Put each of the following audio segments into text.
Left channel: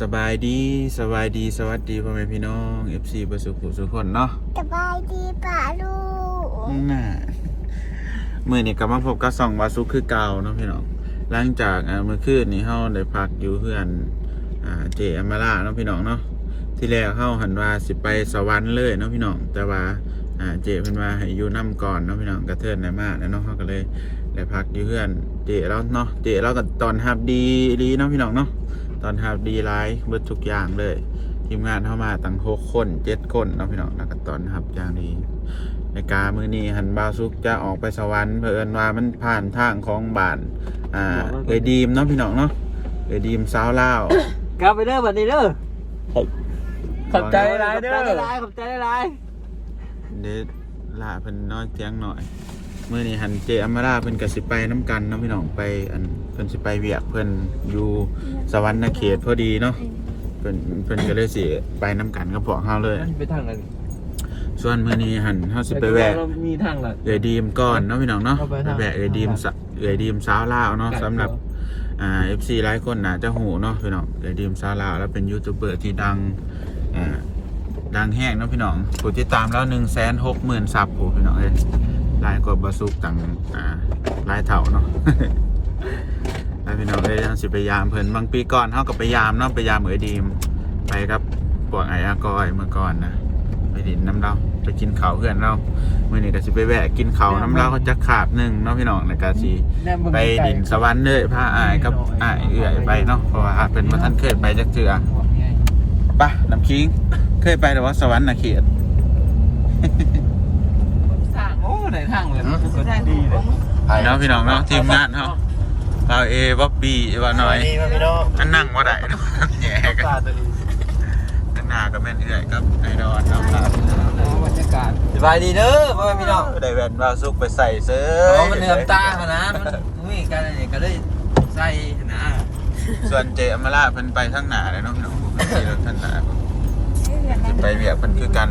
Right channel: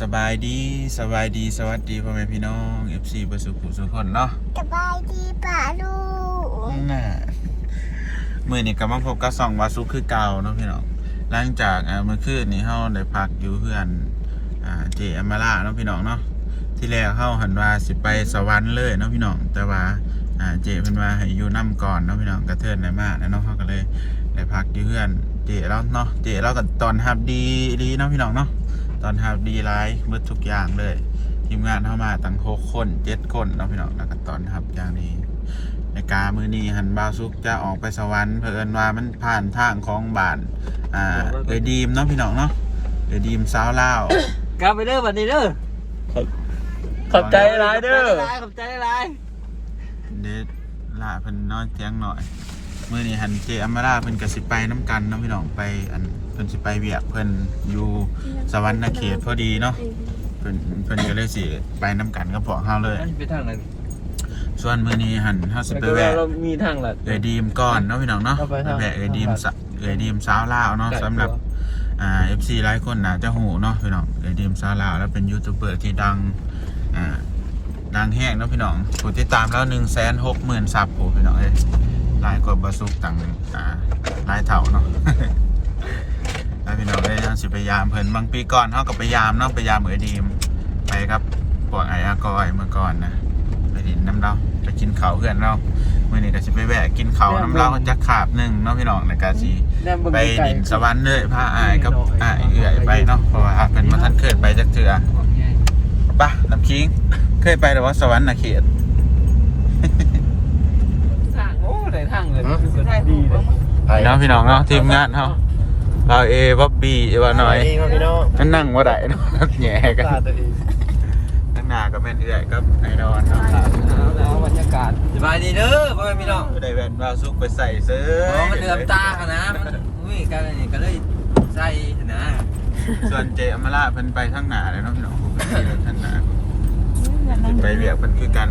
สบายดีสบายดีสวัสดีพ่อแม่พี่น้อง FC ประสุขุสุขคนเนาะสบายดีป่าลูกน่ะมื่อนี้กลับมาพบกับสองวาสุคือเก่าเนาะพี่น้องหลังจากอ่าเมื่อคืนนี้เฮาได้พักอยู่เพื่อนอ่าเจอมาล่าเนาะพี่น้องเนาะที่แรกเฮาหันว่าสิไปสวรรค์เลยเนาะพี่น้องแต่ว่าอ่าเจเพิ่นว่าให้อยู่นํก่อนเนาะพี่น้องกระเทินได้มากแล้วเนาะเฮาก็เลยได้พักอยู่เพื่อนเจแล้วเนาะเจแล้วก็ตอนฮับดีดีเนาะพี่น้องเนาะ ตอนทับดีไลฟ์เบิดทุกอย่างเลย ทีมงานเข้ามาตั้งหกคนเจ็ดคนเนาะพี่น้องแล้วก็ตอนทับอย่างดีในกามือนี้หันบาวซุกจะออกไปสวรรค์เผอิญว่ามันผ่านทางของบ้านอ่าเออดีมเนาะพี่น้องเนาะเออดีมสาวลาวกลับไปเด้อบัดนี้เด้อขอบขอบใจหลายเด้อขอบใจหลายเดดละเพิ่นนอนเตียงหน่อยมือนี้หันเจอมราเพิ่นก็สิไปน้ำกันเนาะพี่น้องไปอัน เพิ่นสิไปเวียกเพิ่นอยู่สวรรค์เขตพอดีเนาะเพิ่นเพิ่นก็เลยสิไปน้ำกันกับพวกเฮาเลย ไปทางไหนส่วนมื้อนี้หันเฮาสิไปแวะเรามีทางหลัก เอยดีมก่อนเนาะพี่น้องเนาะเอาไปไปครับแวะเอยดีมสะเอยดีมสาวลาวเนาะสำหรับอ่า FC หลายคนน่าจะหูเนาะพี่น้องเอยดีมสาวลาวแล้วเป็นยูทูบเบอร์ที่ดังอ่าดังแห้งเนาะพี่น้องผู้ติดตามแล้ว160,000ซับผู้พี่น้องเอ้ยหลายกว่าบาซุกต่างอ่าหลายเท่าเนาะแล้ว พี่น้องเอ้ยเฮาสิไปยามเพิ่นบางปีก่อนเฮาก็ไปยามเนาะไปยามเอยดีมไปกับพวกไอ้อากอยเมื่อก่อนนะไปดินน้ำเราไปกินเขาวเพื่อนเราเมื่อนี้ก็สิไปแวะกินเขาวน้ำเราจะขาบหนึ่งเนาะพี่น้องในกาสีไปดินสวรรค์เลยพาอายกับอายเอื่อยไปเนาะเพราะว่าเป็นมาท่านเคยไปจักเถื่อปะน้ำคิงเคยไปแต่ว่าสวรรค์นะเขียดทางโอ้ไหนทางเลยดีเลยแล้วพี่น้องเนาะทีมงานเนาะ เราเอวับบีเอวาน้อยดีมาพี่น้องนั่นนั่งว่าได้เนาะแย่กันขาดตัวเองนั่งหนากับแม่นเอื่อยกับไอดอนเนาะครับสบายดีเด้อพ่อแม่พี่น้องได้แว่นมาซุกไปใส่เสื้อเพราะมันเหลื่อมตาขนาดมันมีกันนี่ก็เลยใส่นะส่วนเจอมาล่าเพิ่นไปทั้งหนาเลยเนาะพี่น้องผมเพิ่นขี่รถทั้งหนาเพิ่นไปเวียกเพิ่นคือกัน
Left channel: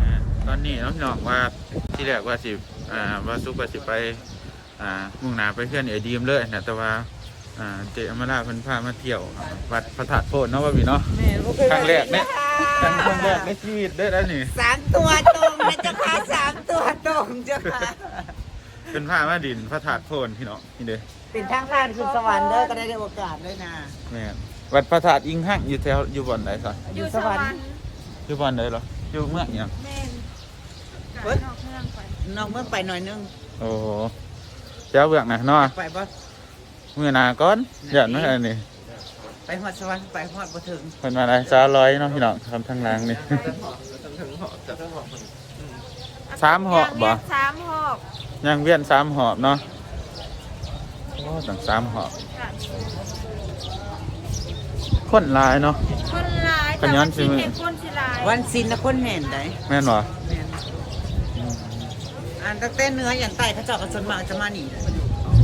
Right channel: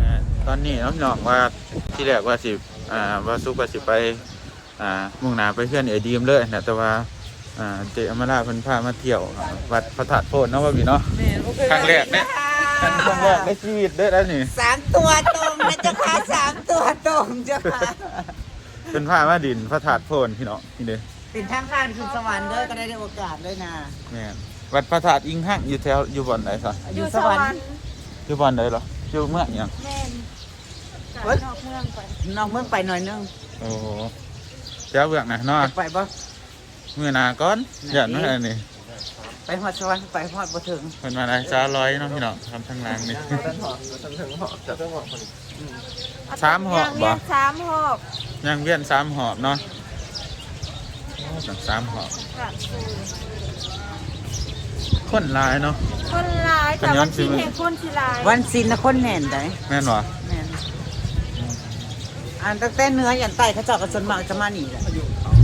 อ่าตอนนี้เนาะพี่น้องว่าที่แรกว่าสิอ่าว่าซุกว่าสิไป อ่ามุ่งหน้าไปเพื่อนเอดีมเลยนะแต่ว่าอ่าเจอมาล่าเพิ่นพามาเที่ยววัดพระธาตุโพนเนาะว่าพี่เนาะครั้งแรกเนี่ยครั้งแรกในชีวิตเด้อแล้วนี่สามตัวตรงนะเจ้าค่ะสามตัวตรงเจ้าค่ะเพิ่นพามาดินพระธาตุโพนพี่น้องนี่เด้อเป็นทางผ่านขึ้นสวรรค์ด้วยก็ได้ได้โอกาสด้วยนะแม่นวัดพระธาตุอิงหั่งอยู่แถวอยู่บ่อนไหนซะอยู่สวรรค์อยู่บ่อนไหนเหรออยู่เมืองหยังแม่นกายนอกเมืองไปนอกเมืองไปหน่อยนึงโอ้ เจ้าเบือกนะเนาะไปบ่ มือหนาก้อนหยันไม่อันนี้ไปหอดสวรรค์ไปหอดบ่ถึงคนมาอะไรซาลอยเนาะพี่น้องทำทางหลังนี่ สามหอบบ่ ย่างเรียกสามหอบย่างเวียนสามหอบเนาะโอ้ตั้งสามหอบกาดฟูเลยคนหลายเนาะ คนหลายกันย้อนสิแต่ว่าที่เป็นคนที่หลายวันศิลนะคนแห่นได้แม่นวะแม่น อ่านตั้งแต่เหนื้อยันใต้เขาเจ้าก็ส่วนมากจะมานี่แหละ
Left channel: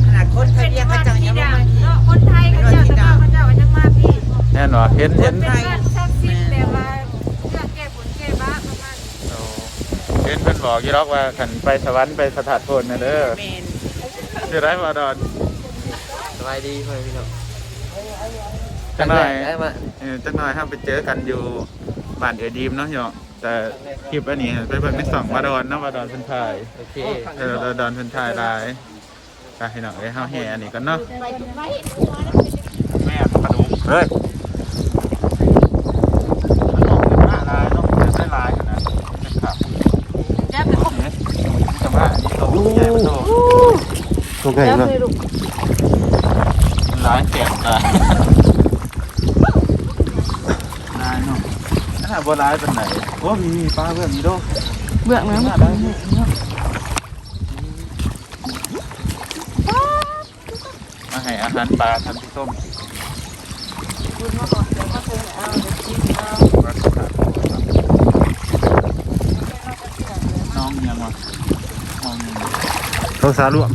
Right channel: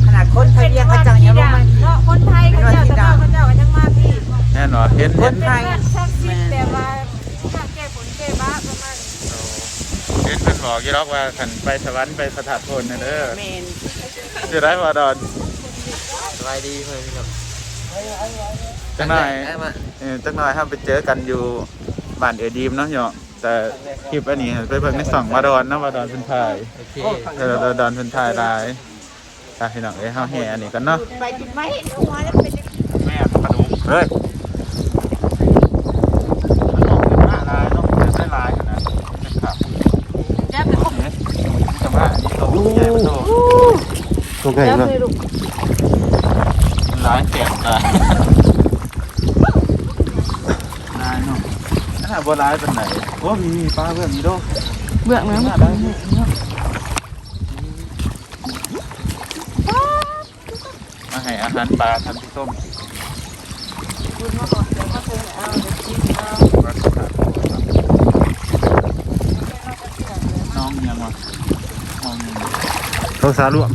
ขนาดคนไทยเป็นเรียกวัเขาดเจ้าที่ยังดัมางเนาะคนไทยเขาเจ้าแต่ว่าเขาเจ้าก็ยังมาพี่แม่นวะเห็นเห็นเป็นวัดศักดิ์สิทธิ์แบบว่าเพื่อแก้ผลแก้บ้าประมาณนี้โอ้เห็นเป็นบอกยี่รอกว่าขันไปสวรรค์ไปพระธาตุโพนนะเด้อแม่นคือไรมาดอนสบายดีพ่อพี่น้องจังหน่อย ได้มาเออจังหน่อยถ้าไปเจอกันอยู่บ้านเออดีมเนาะพี่น้องแต่ คลิปอันนี้ไปเบิ่งในสองมาดอนเนาะมาดอนเพิ่นถ่ายโอเคเออเราดอนเพิ่นถ่ายหลายอะพี่น้องเอ้ยเฮาแห่อันนี้กันเนาะไปถึงไม่แม่ปลาดุกเฮ้ยมันออกเป็นหน้าลายเนาะเป็นได้ลายขนาดนี้ครับจับไปเอ๊ะแต่ว่าอันนี้ตัวใหญ่มันโตตัวไงจับมาไปลูกมันลายเจ็บอะลายเนาะนั่นน่ะ บ่ลายเป็นไหนโอ้มีมีปลาเบิ่มมีโดเบื่อไหมหน้าได้มาให้อาหารปลาทันที่ส้มคุณมาก่อนเดี๋ยวมาเจอเอาเดี๋ยวกินเอาน้องยังวะน้องยังต้องสาลุ่ม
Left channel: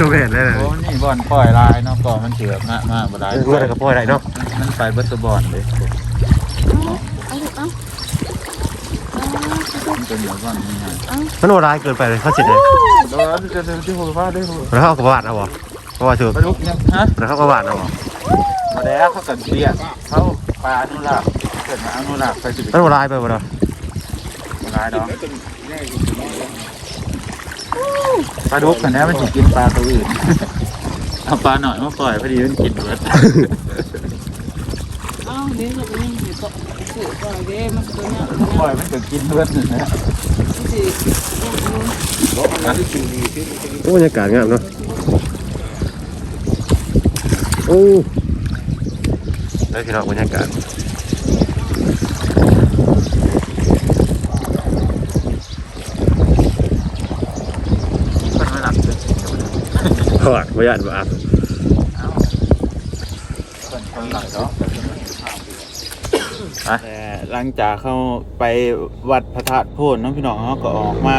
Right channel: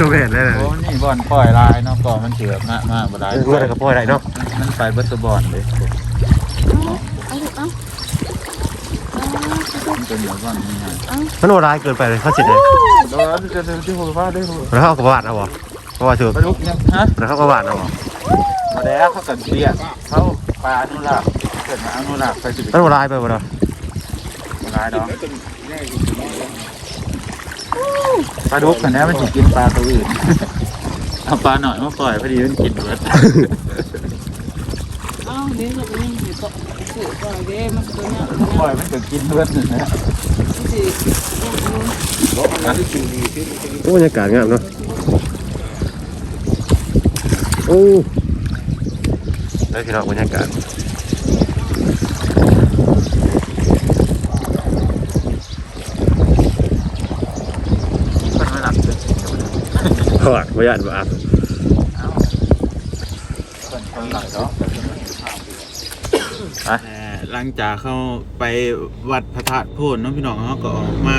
ตัวแก่ได้เลยโอ้นี่บอลปล่อยลายเนาะก่อนมันเถือกมามาบ่ได้เมื่อไรก็ปล่อยได้เนาะมันไปเบัสบอลเลย มันเป็นแบบว่านี่ไงมันโหดร้ายเกินไปเลยเขาเจ็ดเลยโดนจะเดินที่หัวฟ้าได้หัวแล้วเขากระบาดเอาบ่เพราะว่าถือปลาดุกยังฮะแล้วเขาก็หวานเอาออกมาแล้วเขากันเรียกเขาปลาอนุรักษ์เกิดมาอนุรักษ์ไปสิมันโบราณไปบ่เนาะร้ายเนาะปลาดุกกันนี้มันจะกินปลาตัวอื่นเอาปลาหน่อยมาปล่อยพอดีมันกินเบิดอ้าวเดี๋ยวเราเองเดี๋ย วก็สืบก่อนเด้มันตัวเนี้ยปล่อยมันก็กินเบิดนะสิโอ้บรรยากาศงามเนาะโอ้ได้พี่น้องบรรยากาศมันไม่หลับเลยหวานบรรยากาศบ่อาบคนหลับเนาะห ลังจากเข้าไปวัดพระธาตุโพนน้องพี่น้องเขาก็ออกมา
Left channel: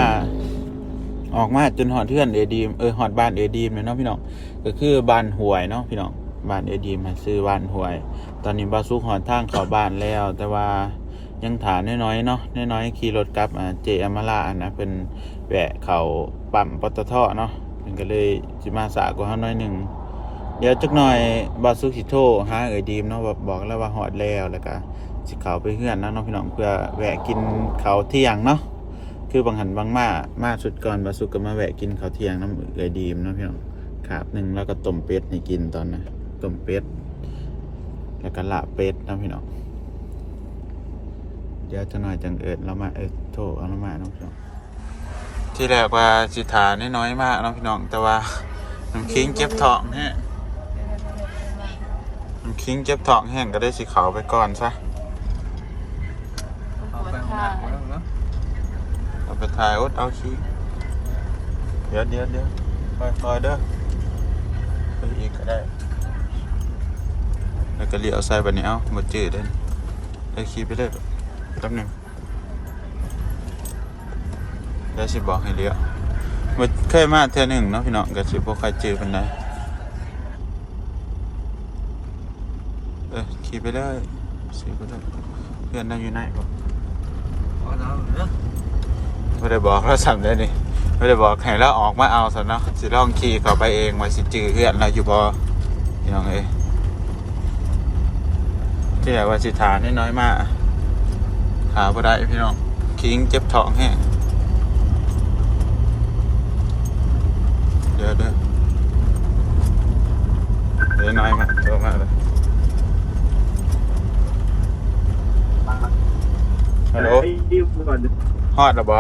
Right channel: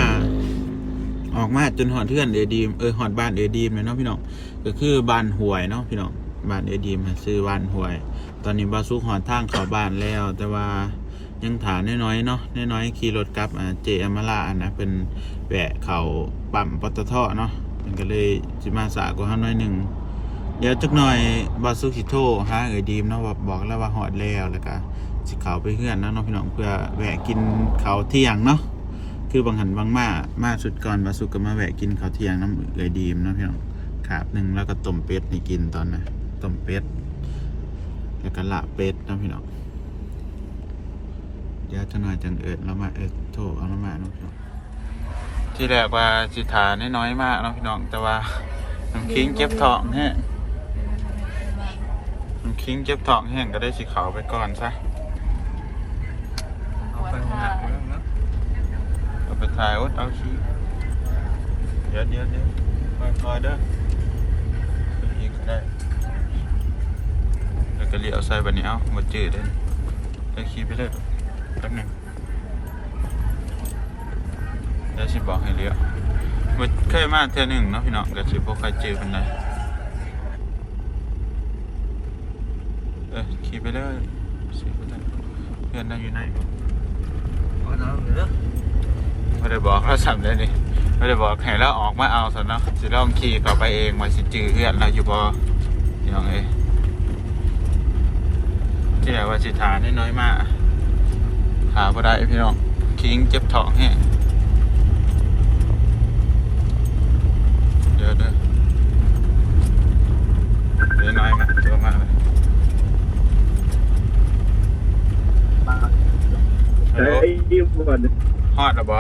ออกมาจนหอดเทือนเอดีมเออหอดบ้านเอดีมเลยเนาะพี่น้องก็คือบ้านหวยเนาะพี่น้องบ้านเอดีมมาซื้อบ้านหวย ตอนนี้บาซุกหอนทางเข้าบ้านแล้ว แต่ว่ายังถานน้อยๆเนาะน้อยๆขี่รถกลับอ่าเจอมาลาอันนะเป็นแวะเขาปั๊มปตทเนาะมันก็เลยสิมาสากว่าเฮาน้อยหนึ่งเดี๋ยวจักหน่อยบาซุกิโทรหาเอยดีมเนาะแบบบอกแล้วว่าหอดแล้วแล้วก็ สิเขาไปเฮือนนะเนาะพี่น้องเพื่อแวะกินเขาวเที่ยงเนาะคือบางหันบางมามาสุดก่อนบาสุกก็มาแวะกินข้าวเที่ยงน้ำเลยดีมนะพี่น้องขาบหนึ่งแล้วก็ต้มเป็ดให้กินตอนนะต้มเป็ดแล้วก็ลาบเป็ดนะพี่น้องเดี๋ยวจะหน่อยจังเอิดเรามาเอิดโทเอาเรามาเนาะพี่น้องที่แรกว่าสิทาน้อยๆมากเนาะพี่น้องแต่ว่าน้ำคิงเจ็บทองแห้น้ำคิงเจ็บทองแห้งก็ได้สิเขาไปก่อนซะ เอาไปหนักแล้วเนาะ เอา ไปถ่ายอดเอาชีเดี๋ยวเดี๋ยวเดี๋ยวคอยๆเด้อไปอีกก็ได้แล้วก็เลี้ยวใส่บันนี้เอาหมดจืดเลยได้ขี่ไปเลยแป๊บหนึงเดี๋ยวสิบอกให้เลี้ยวมดเคยมาเท่อหนึ่งเนาะพี่น้องก็สิบ่ใครจืดคนใดเออขี่ไปเลยขี่ไปเลยเพื่อนนั่งอยู่ไหนก่อนอเนาะเนาะ ไม่ได้บอกเราสั่งเลยนี่ไม่ได้บอกให้เราออกมาเอาสันเนาะสิลองขี่เข้าไปเองมาสิจือเพื่อนเราอยู่บ่พี่น้องเอ้ยที่ไหนว่าสิทานี่น้อยมากขาบ่ได้พี่น้องคิงเจ็บท้องแห้งเดี๋ยวเดี๋ยวเดี๋ยวน้อยมากเจอมากเลยฮัลโหลดิวก่อนฮอดหรอบ่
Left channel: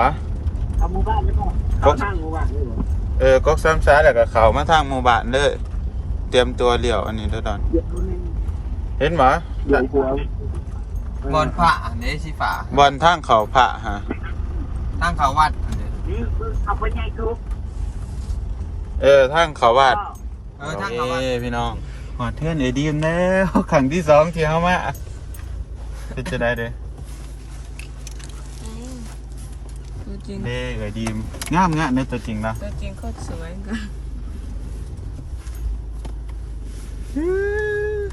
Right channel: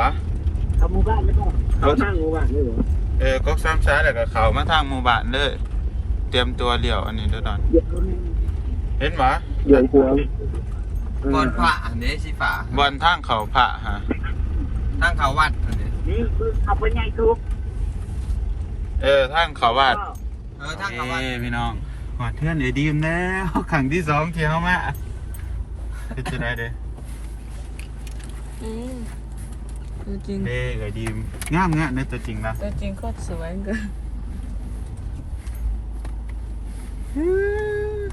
เอาหมู่บ้านแล้วก็เอาทางหมู่บ้านเลยเหรอเออก็ซ้ำซ้ายแล้วก็เขามาทางหมู่บ้านเลย เตรียมตัวเลี้ยวอันนี้เด้อดอนเดี๋ยวนี้เห็นบ่เดี๋ยวกลัวก่อนพระอันนี้สิฝาบอลทางเขาพระฮะตั้งเขาวัดอันนี้นี่คือเอาไปใหญ่ทุกเออทางเขาวาดเออตั้งเขาวัดเอ้พี่น้องหอดเทือนเอดีมแล้วขังที่สองที่เฮามาเป็นจะได้เด้จริงเฮ้เอดีมงามงะในตัวจริงนะแต่จริงโคตรสวยเกิน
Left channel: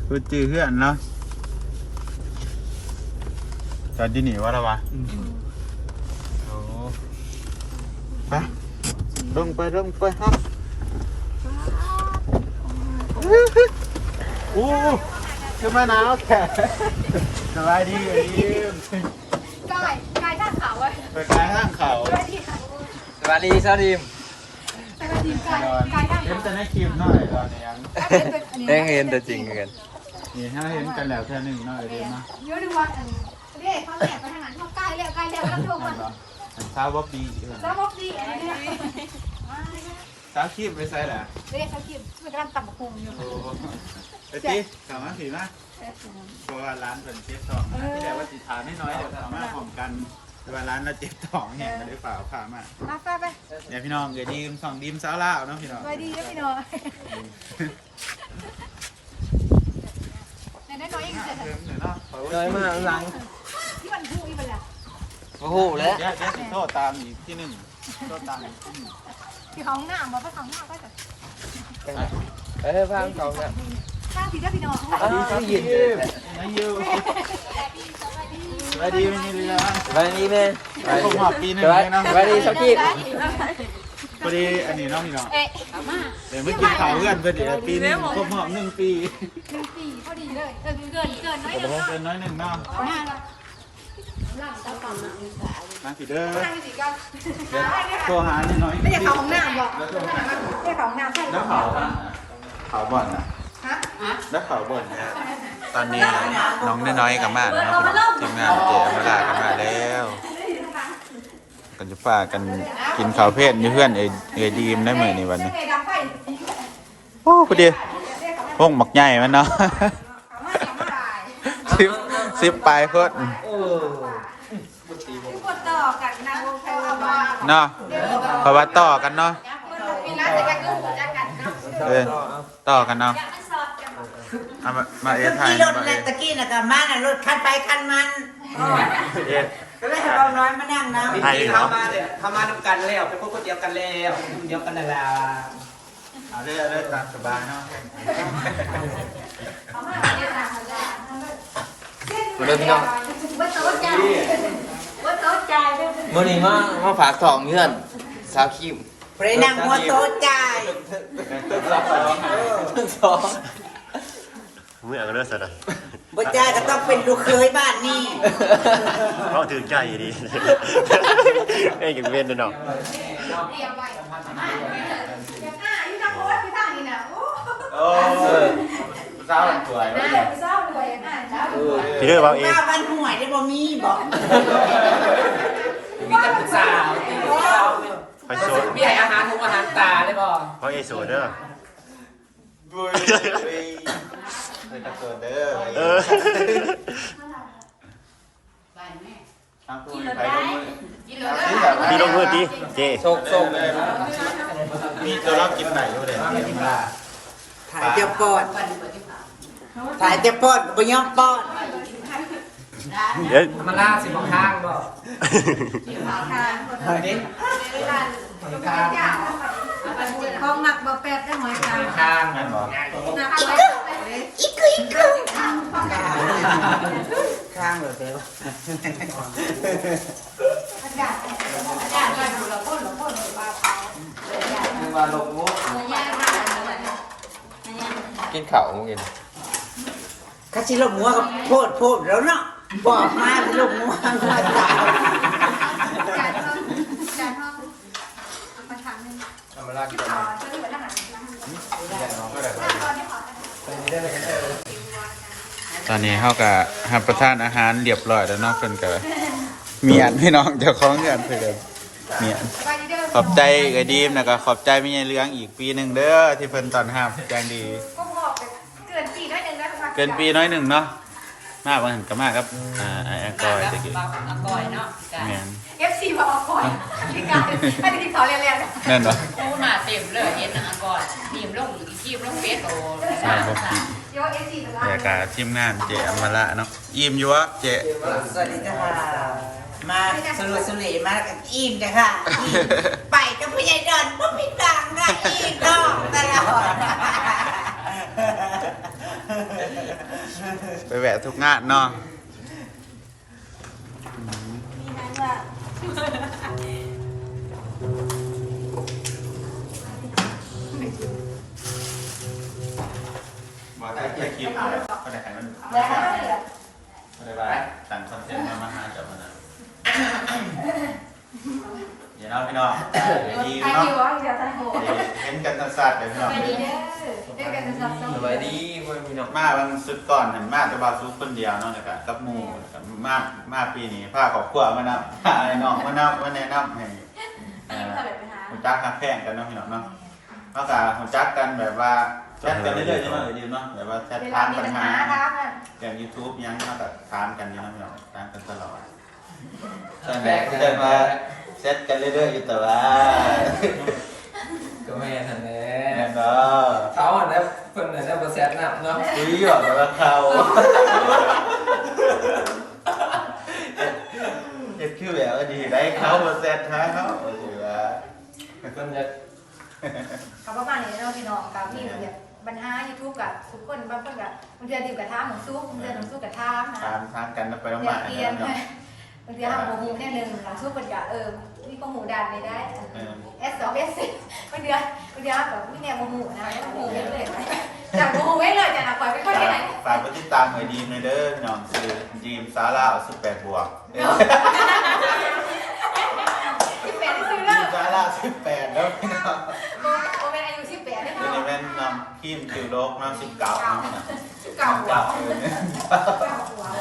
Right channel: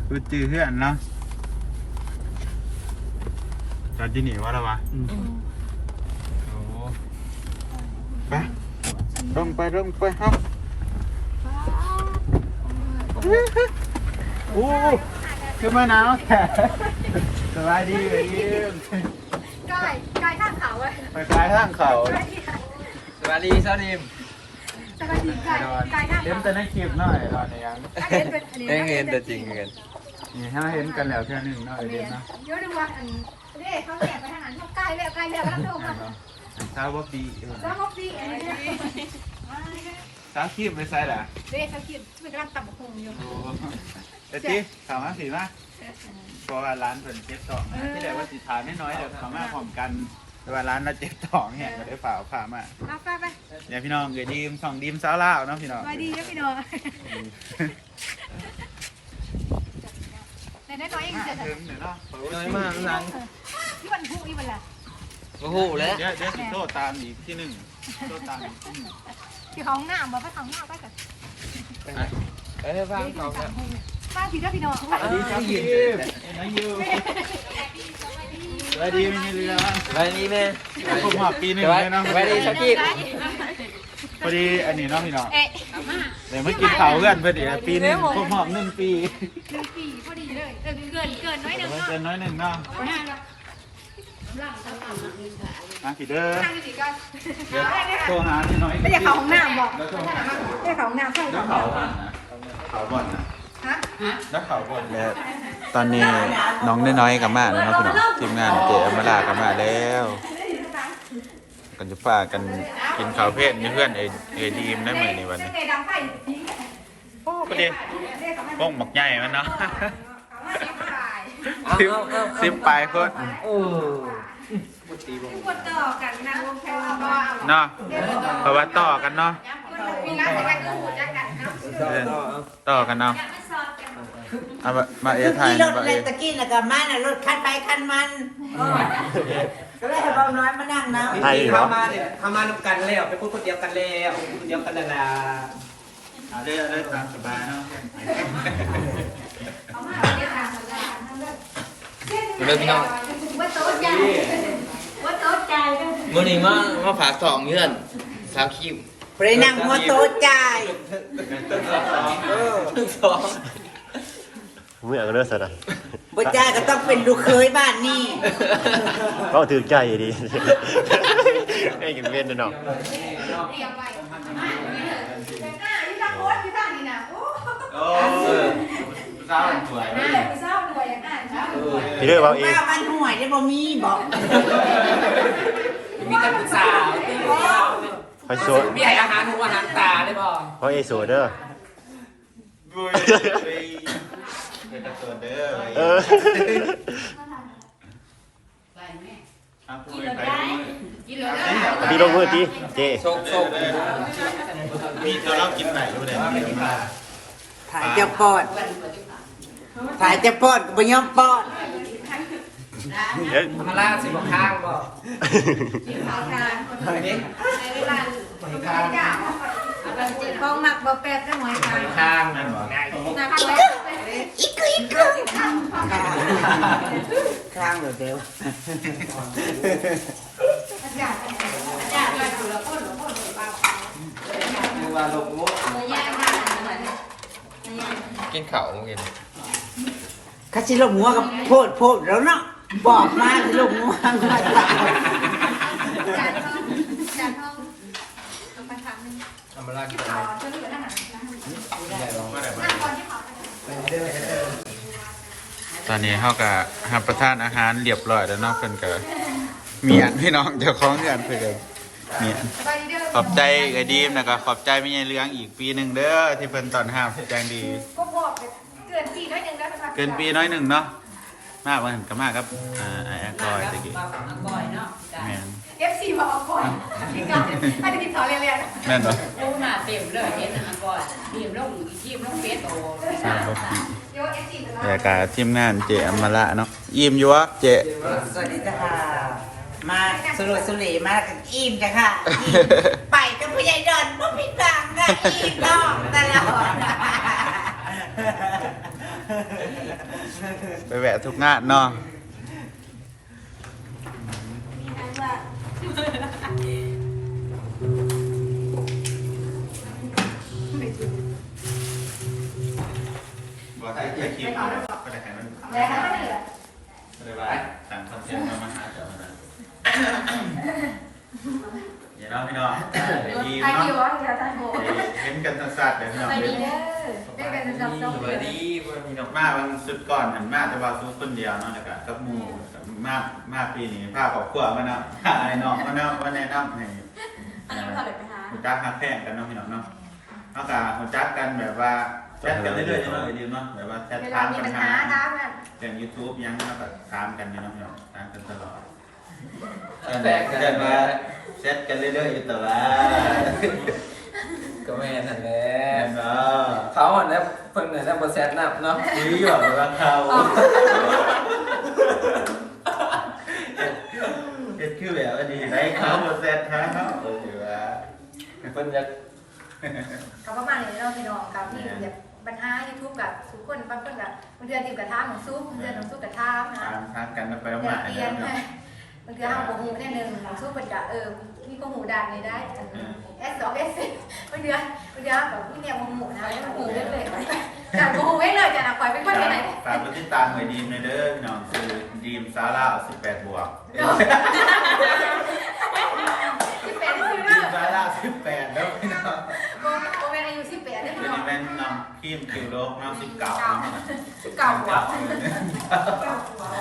กูจือเพื่อนเนาะจอดที่นี่วะละวะโอ้ไปลงไปลงไปครับอู้ขึ้นมาหนาวแค่สบายดีเอ้ยกายกายด้านขาวไว้ ไปกายทางเขาสวัสดีสวัสดีสวัสดีกายดอนกายด้านเห็นขาวแต่ในคลิปหน่อยดอนในยังแจ้งเห็นแต่จริงกันนี่ถ้าเห็นกันแล้วแค่หนึ่งเนาะเอเดมนะเดี๋ยวดูว่าอันเรียกเขาแจกไปทางนั้นเขาใกล้แล้วใกล้แล้วก็ต้องโทรอัมานเนาะอันเช้าบ๊อบบี้เออแล้วพบดีอันนี้เนี่ยเช้าคลิปไม่ใช่เหรอเรียกเขาคิดเป็นการตัดโคมอยู่โอ้เอ็ดดี้ถามมาสีมาเพราะว่าร้านเพิ่นเจ็บท้องนะที่เดี๋ยวว่าสิทานน้อยๆเดี๋ยวเขามาพร้อมกัน แต่ว่าร้านเราเจ็บท้องเนี่ยก็ได้ฝ่าพามามาไปไปเดี๋ยวพี่น้องเดี๋ยวดีมสองดีมสาวลาวเนาะพี่น้องสวัสดีนะพี่น้องในน้อยๆเองเสร็จเพิ่มเดี๋ยวเนาะขอไว้เลยสิมาหลังที่มันพูดอีมันแหละโอ้โหเดี๋แล้ยววเดี๋ยวสิโทษตามอีกที่หนึ่งโทษตามอีกที่หนึ่งคือของหน้าบอกไปของหน้าไปแต่เออฟังเขาแล้วป้าผิดนะพี่น้องสวัสดีครับยินนายยู สวัสดีมินิเรือวันนี้เนี่ยครบหอบปีหนึ่งเลยเนาะสวัสดีชาวกิจพอดีอันนี้เนาะพี่น้องเดี๋ยวเมากินข้าวเพื่อนพอดีปีหนึ่งครบรอบหนึ่งปีหนึ่งปีพอดีเลยเออเกินเกินน้อยหนึ่งเนาะเป็นน้อยหนึ่งเนาะมาผิดเด้อโทรหาหน่อยไม่อยากเขาห้องน้ำหรอกไม่อยากเขาห้องน้ำใช่แล้วเขาท่านเขาบ่อนนะแล้วเขาบ่อนแก ตอนนี้น้องน้อยๆกับมาแล้วเนาะพี่น้องทีมงานเจ๊อมาลากับมาแล้วกันจะฝากกันกินข้าวเพศนี่เพื่อนเอเอดีมได้ไหมในวันนี้โอ้พอดีพวกหมักใหญ่ไหมันเนาะสิบสิบปลายเพื่อนเนาะเพราะว่าต่อกันเนาะมีร้านจะกันก็หัวจักกันเนาะเออต่อกันเนาะ เอามามาเอไทยรนะถมาแลเอตะกี้น่ะกับมันน่ะรถคันไปคันมันก็เลยให้เบาน้อยมานั่งนะไทยเหรอ ทำงานทำกันแล้วเป็นคนคนเดียวกันแล้วคนเดียวกันนั่นแหละเอาเรื่อยๆตามสบายเนาะมาเลยพี่น้องว่าโต๊ะใจว่าโต๊ะใจด้วยมื่อนี้มามาฝากทองเพื่อนสาวคิมไปนั่งหัวโต๊ะจ่าย สอง เมื่อก็เลิกสัตว์บ่จ่ายก็ต้องเป็นลูกเคยบ้านนี่เขาถือใจดีไอ้กันเว้นเนาะเรียบไปอ่าที่ทำโค้ดที่ทำนี่นะโอ้โอ้ยเศร้าสวยน่าเลยเศร้าเลยอะน่าพี่เลิกเอาเองข้าวมันห่วยได้บ่มีบ่มีการปรึกษาคอยโซดมีอาหารทุกอาหารตาได้บ่เพราะเอโซเด้อบุยเป็น กระโดดเด้อเออกินรถได้กินเลยตีลงมือตีเจโชคโชคมีจะรับกินไหนอยู่เลยถ่ายเจ้าปอดถ่ายเจ้าปอดก็บ่ยอมปอดเดี๋ยวมาล่าสิบข้างบ่เวลาเขาหมักบะแป๊บได้ไหมคะข้างแม่นบอก นะคะไว้ อีกคืออีกคือข้าง เลยเดียวอาจารย์อาจารย์มาดูแล้วพ่นหลวงพ่นหลวงเปล่าเขานึกว่าลงงบยากมากเลยนะกินข้าวกินข้าสิลงหัวกับโพดโพดแล้วเนาะบอกมาสิลงหัวอาจารย์ห้องอาจารย์ห้องประธานนึงทำร้านที่ตัวขอมาซื้ออาหารนั่งก่อนที่ขอ ตอนนี้เขาก็รับประทานอาหารเรียบร้อยแล้วเนาะเพิ่นก็เมียนพี่น้องเจ้าของเมียนเพิ่นก็เมียนไปเด้อขอบใจไอ้ดีมนะก็ขอบใจไม่ใช่เลี้ยงอีกปีหนึ่งเด้อที่เพิ่นตอนห้ามแจ้งดีก็บอกเกินปีน้อยหนึ่งได้ไหมคะเกินปีน้อยหนึ่งเนาะมากกว่าหันก็มากครับอ่าไอ้แอกอยตะกี้แม่นเอฟซีบอกก่อนที่การอันนี้ขอเรียนๆแม่นบ่ปูหน้าเต็มเลยเห็นหน้าก่อนทีมลงทีมลงเฟสโตทราบ บ่ปีเดี๋ยวเอฟซีแต่กาทีมงานเจอมละเนาะอิ่มอยู่วะเจสวัสดีจ้าค่ะ มาสรุปสุรีมากับอิ่มจ้ะค่ะอิ่มไปกับผู้ใหญ่ดอนบ่ผิดหวังค่ะอิ่มนอกตลอดไปแวะทุกงานเนาะ คลิปเอาบ่ได้ให้มันแล้วก็เหลือบ่ได้ว่าสั่งคอนเทนต์มามาหาเจ้ามันน่ะนี่เนาะพี่น้องดีไอเนาะคิวว่าจะทำโหเห็นกันสั้นๆเลยพี่น้องไปดีเด้อได้เป็นสับสนสบายดีพี่น้องมาวันสุดก่อนเห็นมาแต่ว่าซุปคนเดียวเนาะแล้วก็กับหมู่กับมามาปีนี้พาครอบครัวมานำพาไอ้น้องมานำมาแนะนำให้อันนี้เท่าไหร่ไปหาหูจักฮักแพงกันเนาะพี่น้องเนาะนอกจากหูจักกันแบบว่า แชทกันเรื่อยๆใช่ไหมเลยดีเนาะแบบว่าแชทเวถาลามมีปัญปัญหาหาท้ากันอย่าง YouTube ยังเนาะแบบถามกันอยู่เนาะพี่น้องถามกันตลอดแต่จะมาแชทกันเรื่อยๆอยู่แต่ว่าก็ไม่ทันแล้แม่วนเนาะเขาอะแล้วเพิ่นเนี่ยแล้วโปรเซสนับเนาะคุยแบบว่าเขาเฮ็ดคือแบบว่าดีได้เขาบ่แซ่บท้าเนาะเออว่าเพิ่นจะ กับประมาณนี้เราพี่น้องกับที่แบบ ปัญหายูทูบกับทุกคนบางคนกับบางเดือนดิวกับท้าของซุปบางเดือนของซุปกับท้านะตามทักกันไปแล้วเปลี่มายนเปลี่ยนเนาะบบางทีห้ามโมโหแน่หนึ่งสู้ปัญญาเออมีโมโหดันในได้เอสสองเอสสี่บางเดือนบางเดือนแบบพี่เนี่ยโมโหนะโมโหเลยจากโมโหไว้เลยจากนักปล่อยเป็นคนไหนฝากไปติดตามหน่อยดีมในอยเด้อพี่น้องคือดีมซาร่า18บวกสิบแปดซื้อ ดี แล้ว มซาร่า18แล้วพี่น้อง โมโมเป็นอายุสิบแปดได้ เดี๋ยว เนาะ นี้แม่น นำครีมคิวโลกน้ำสิบเก่าสิบเก้าหัว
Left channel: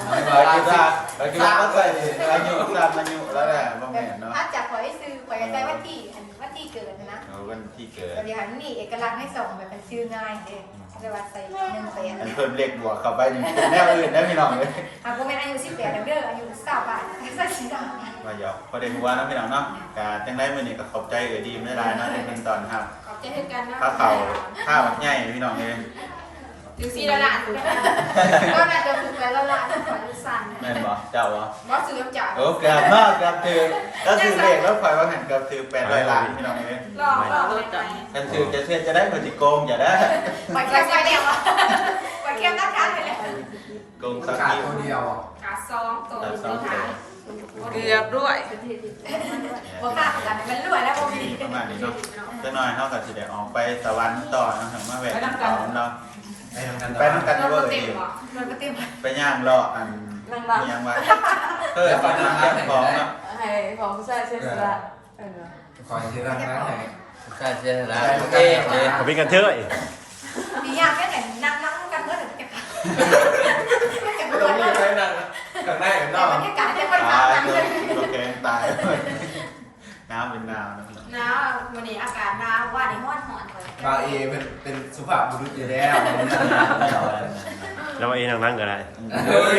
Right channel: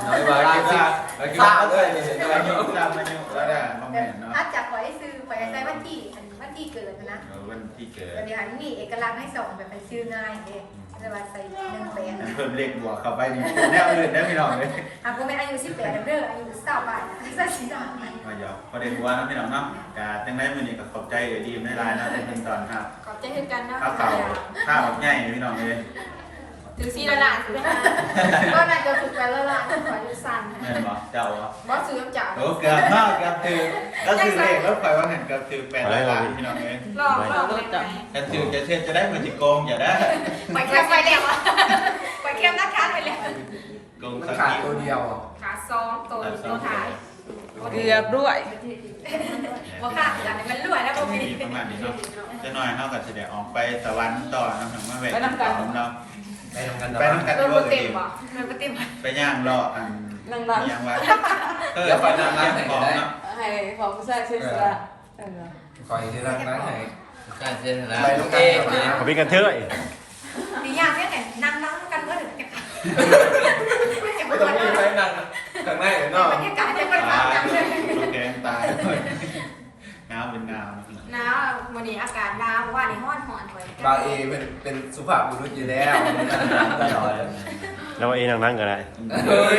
ไม่ว่าคิดว่าเราคิดว่าก็เคยเราอยู่กลางมันอยู่แล้วแหละบ่แม่นเนาะถ้าจากขอให้ซื้อไปใจวันที่อันวันที่เกิดนะวันที่เกิดบางอย่างนี่เอกลักษณ์ให้ส่งแบบเป็นชื่อง่ายเด้จะว่าใส่หนึ่งแปดอันเพิ่มเลขบวกเข้าไปนี่แนวอื่นได้พี่น้องเลยหากว่าเป็นอายุสิบแปดเด้ออายุเก้าบาทใส่สีดำก็หยอกประเด็นหัวนะพี่น้องเนาะกาจังได้มื้อนี้ก็ขอบใจเออดีมได้หลายนะเป็นตอนครับ ใจให้กันนะข้าวเต่าข้าวแบบใหญ่พี่น้องเลยถึงสี่ละล้านไปหาก็น่าจะฝึกไว้แล้วล่ะขอดูสั้นแม่นบ่เจ้าบ่บอสซื้อน้ำจ่าโอ้เกือบมากเกือบถือก็คือเลขแล้วข่อยว่าหันเกือบถือแปดร้อยล้านพี่น้องเลยลองลองเลยไงกันถือจะเช่นจะได้ผลิตโกงอย่าได้ไปเที่ยวไปเที่ยวไปเที่ยวนัดกันไปเลยโกงสักขาดทีตัวเดียวขาซองโตตัวท้าย เรียบด้วยว่าขาดกันมันรวยแล้วพอมีมีประมาณนี้เนาะจะน้อยเท่ากับสิเดออกไปสวรรค์ต่อน้องถึงมาแหวกเขาเนาะไปทำกันไปน้ำกันโดนก็เต็มดีป่ะมันก็เต็มไปย่างรออันย่างไว้เออไปย่างแก้ของเนาะอะไรของใช่ใช่ใช่ขอที่นั่นนะใช่ใช่แล้วเอ๊ะเอ๊ะเขาเป็นกันเถอะดีอย่างแค่ไหนนั่งนั่งกันเมื่อไหร่จะจะไม่ไม่ต้องต้องมีอะไรนั่งข้างในกันเนาะ บรรยากาศจะไปตาทำยกันเลเลยยโอเคตายเลยน้ำเป็นน้ำนะพี่น้องหนาววันนี้อากาศหนาวว่าในห้อนหอนไปบาเอเป็นเป็นสุภาพบุรุษอยู่แล้วแล้วเองนั่งๆก็ได้ เฮ้ย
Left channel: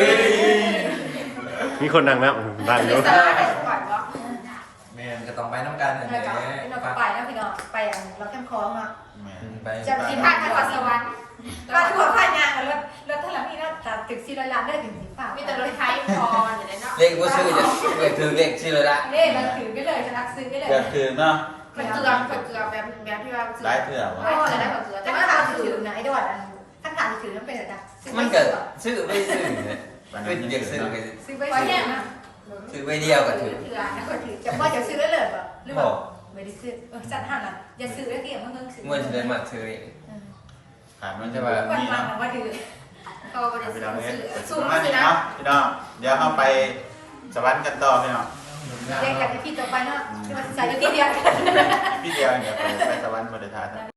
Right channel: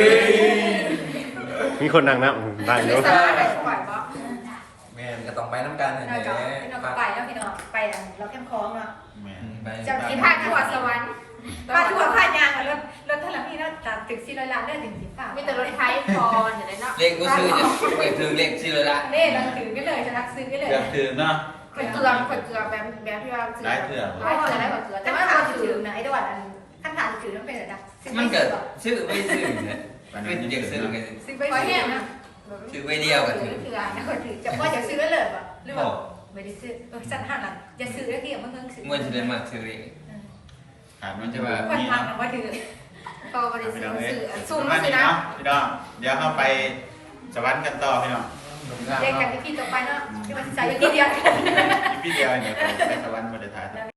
มีคนนั่งนั่งนั่งอยู่สาไหนปล่อยวะแม่ก็ต้องไปน้ำกันเราจะเราก็ไปแล้วพี่น้องไปเราแคมคอมาแม่จะสิคิดพาพาทัทัววร์ร์สสววรรรรค์ ค์พาทัวร์พายางรถรถถลับพี่เราตัดตึกซีร้อยล้านได้ถึงสิบฝ่ามีแต่รถไทยพออย่างไรเนาะเลขว่าซื้อเลขถือเลขซื้อเลยละเล่เราถือไปเลยจะรักซื้อไปเลยเดือดถึงเนาะคนเกลือคนเกลือแบบแบบที่ว่าซื้อได้เถื่อวะได้เกลือได้แบบเกลือแต่แต่ว่าว่าเราเราถืถืออนะไอ้ดวนอันขั้นฐานถือต้องเป็นอะไรนะซื้อมันไปก็ซื้อซื้อไม่ซื้อเนี่ยปานเป็นั้นนนี่เด็กซื้อกันซื้อไปขอซื้แห้องนะซื้อใบเดียวกันเกถืลืออเกลือไม่เคยถือจะว่าจะซื้อแล้วเลยป่ะหรือว่าไม่ได้ซื้อเออสัตว์หันอะจะซื้อแล้วที่มันเพิ่งซื้อมวยจะได้มาซื้อ ขาดมันจะแบบมันนี้มังเนาะว่าถือก็บริพี่สุทน้องธิ์เอ้ยซื้อปซุ่มระมาณซื้นี้อนะเนาะพี่น้องเดี๋ยวเข้าไปสวรรค์กันต่อพี่น้องเล่นกันที่ต่อไปเนาะที่มันใส่ที่เดียวพี่เดียวเดี๋ยวไปสวรรค์บริษัท